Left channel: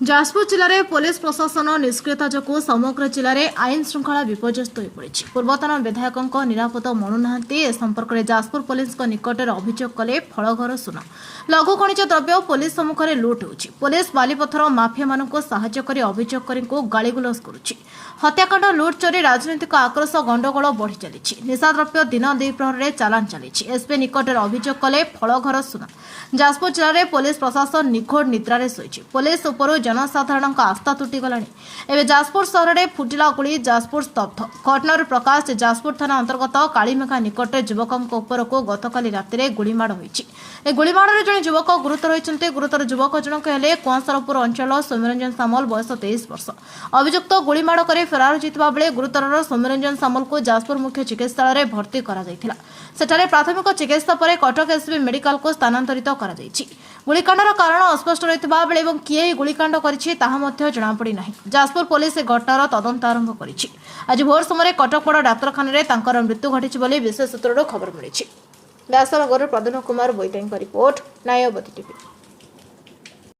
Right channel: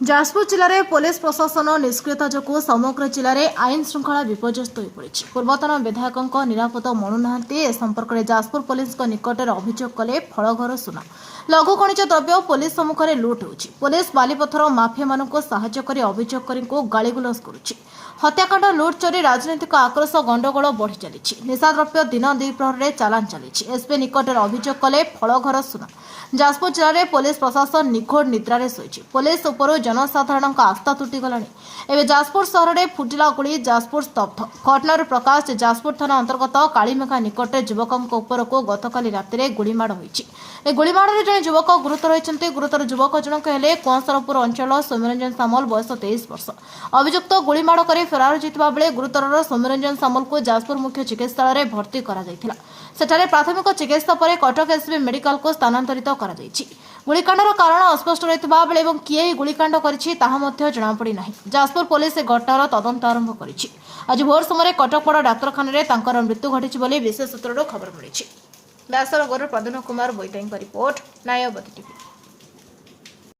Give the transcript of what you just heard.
ଯାଜପୁର ଜିଲ୍ଲାରେ ପୋଲିସ ପ୍ରଶାସନ ନିଷ୍କ୍ରିୟତା ଯୋଗୁଁ ସମଗ୍ର ଜିଲ୍ଲାରେ ଆଇନ ଶୃଙ୍ଖଳା ବିପର୍ଯ୍ୟସ୍ତ ହୋଇପଡ଼ିଛି। ପୂର୍ବତନ ବିଧାୟକଙ୍କ ନିରାପଦ ମଣୁନାହାନ୍ତି। ଏ ସମ୍ପର୍କରେ ଯାଜପୁର ପୋଲିସଙ୍କ ନିକଟରେ ଅଭିଯୋଗ କଲେ ଫଳଘର ସୁନା। ଲଘୁ ଖଣିଜ ଦ୍ରବ୍ୟ ପୋଲିସ ସମ୍ମୁଖରେ ଲୁଟ୍ ହେଉଛି। ପୋଲିସ ବାଲିପଥର ମାଫିଆମାନଙ୍କୁ ସାହାଯ୍ୟ କରି ଅଭିଯୋଗକାରୀଙ୍କୁ ଗାଳିଗୁଲଜ କରୁଛି। ହତ୍ୟାକାଣ୍ଡ, ଲୁଟ୍, ଚୋରି, ରାଜନୈତିକ ଆକ୍ରୋଶ, ଗଣ୍ଡଗୋଳ ବଢ଼ି ଚାଲିଛି। ନିଶାଦ୍ରବ୍ୟ ଦିନ ଦ୍ୱିପ୍ରହରରେ ଚାଲାଣ ଚାଲିଛି। ଏସ୍ପି ନିକଟରେ ଅଭିଯୋଗ କଲେ ଫଳଘର ସୁନା। ଯାଜପୁର ଜିଲ୍ଲାରେ ପୋଲିସ ପ୍ରଶାସନ ନିଘୋଡ଼ ନିଦ୍ରାରେ ଶୋଇଛି। ପୋଲିସ ଉପରୁ ଜନସାଧାରଣଙ୍କ ଆସ୍ଥା ତୁଟିଗଲାଣି। ଏବେ ଯାଜପୁର ସହରରେ ଫୁଟିଲା ଗୁଳି, ଯାଜପୁର ସ୍ତବ୍ଧ। ଘଟଣାରୁ ପ୍ରକାଶ ଯେ ଯାଜପୁର ଥାନା ଅନ୍ତର୍ଗତ କାଳିମେଘା ନିକଟରେ ଯୁବକଙ୍କ ଉପରକୁ ଗତକାଲି ରାତିରେ ଗୁଳିମାଡ଼ ହୋଇଛି। ଏ ଗୁଳିମାଡ଼ରେ ଜଣେ ଯୁବକ ଗୁରୁତର ହୋଇଛନ୍ତି। ଗୁରୁତର ଯୁବକ ଜଣକ ହେଲେ କୁଆଁସରପୁର ଅଞ୍ଚଳ ସୌମ୍ୟରଞ୍ଜନ ସାମଲ, ବୟସ 23 ବର୍ଷ। ଅଭିଯୁକ୍ତ ଗୁଳିମାଡ଼ କରି ଫେରାର ହୋଇଥିବା ବେଳେ ଗୁରୁତରର ସୌମ୍ୟରଞ୍ଜନ ସାମଲଙ୍କୁ ଯାଜପୁର ମୁଖ୍ୟ ଚିକିତ୍ସାଳୟରେ ଭର୍ତ୍ତି କରାଯାଇଥିଲା। ସେଠାରେ ପ୍ରାଥମିକ ଚିକିତ୍ସା ପରେ କଟକ ଏସ୍ସିବି ମେଡିକାଲକୁ ସ୍ଥାନାନ୍ତରିତ କରାଯାଇଛି। ଗୁଳିକାଣ୍ଡର କାରଣ ଅସ୍ପଷ୍ଟ ରହିଥିବା ବେଳେ ଏବଂ କିଏ ଏହି ଗୁଳିକାଣ୍ଡ କରିଛି ତାହା ମଧ୍ୟ ଜଣାପଡ଼ିନାହିଁ। ଯାଜପୁର ପୋଲିସ ଏ ଘଟଣାର ତଦନ୍ତ ଆରମ୍ଭ କରିଛି। ଆଜି ଭୋର ସମୟରେ କଟକ ବଡ଼ ଡାକ୍ତରଖାନାରେ ତାଙ୍କର ମୃତ୍ୟୁ ଘଟିଛି ବୋଲି ବିଶେଷ ସୂତ୍ରରୁ ଖବର ମିଳିଛି। ବ୍ୟାସନଗରରୁ ପ୍ରଦ୍ୟୁମ୍ନ କୁମାର ବୋଇତାଙ୍କ ରିପୋର୍ଟ, ନ୍ୟାୟବତୀ ଟିଭି।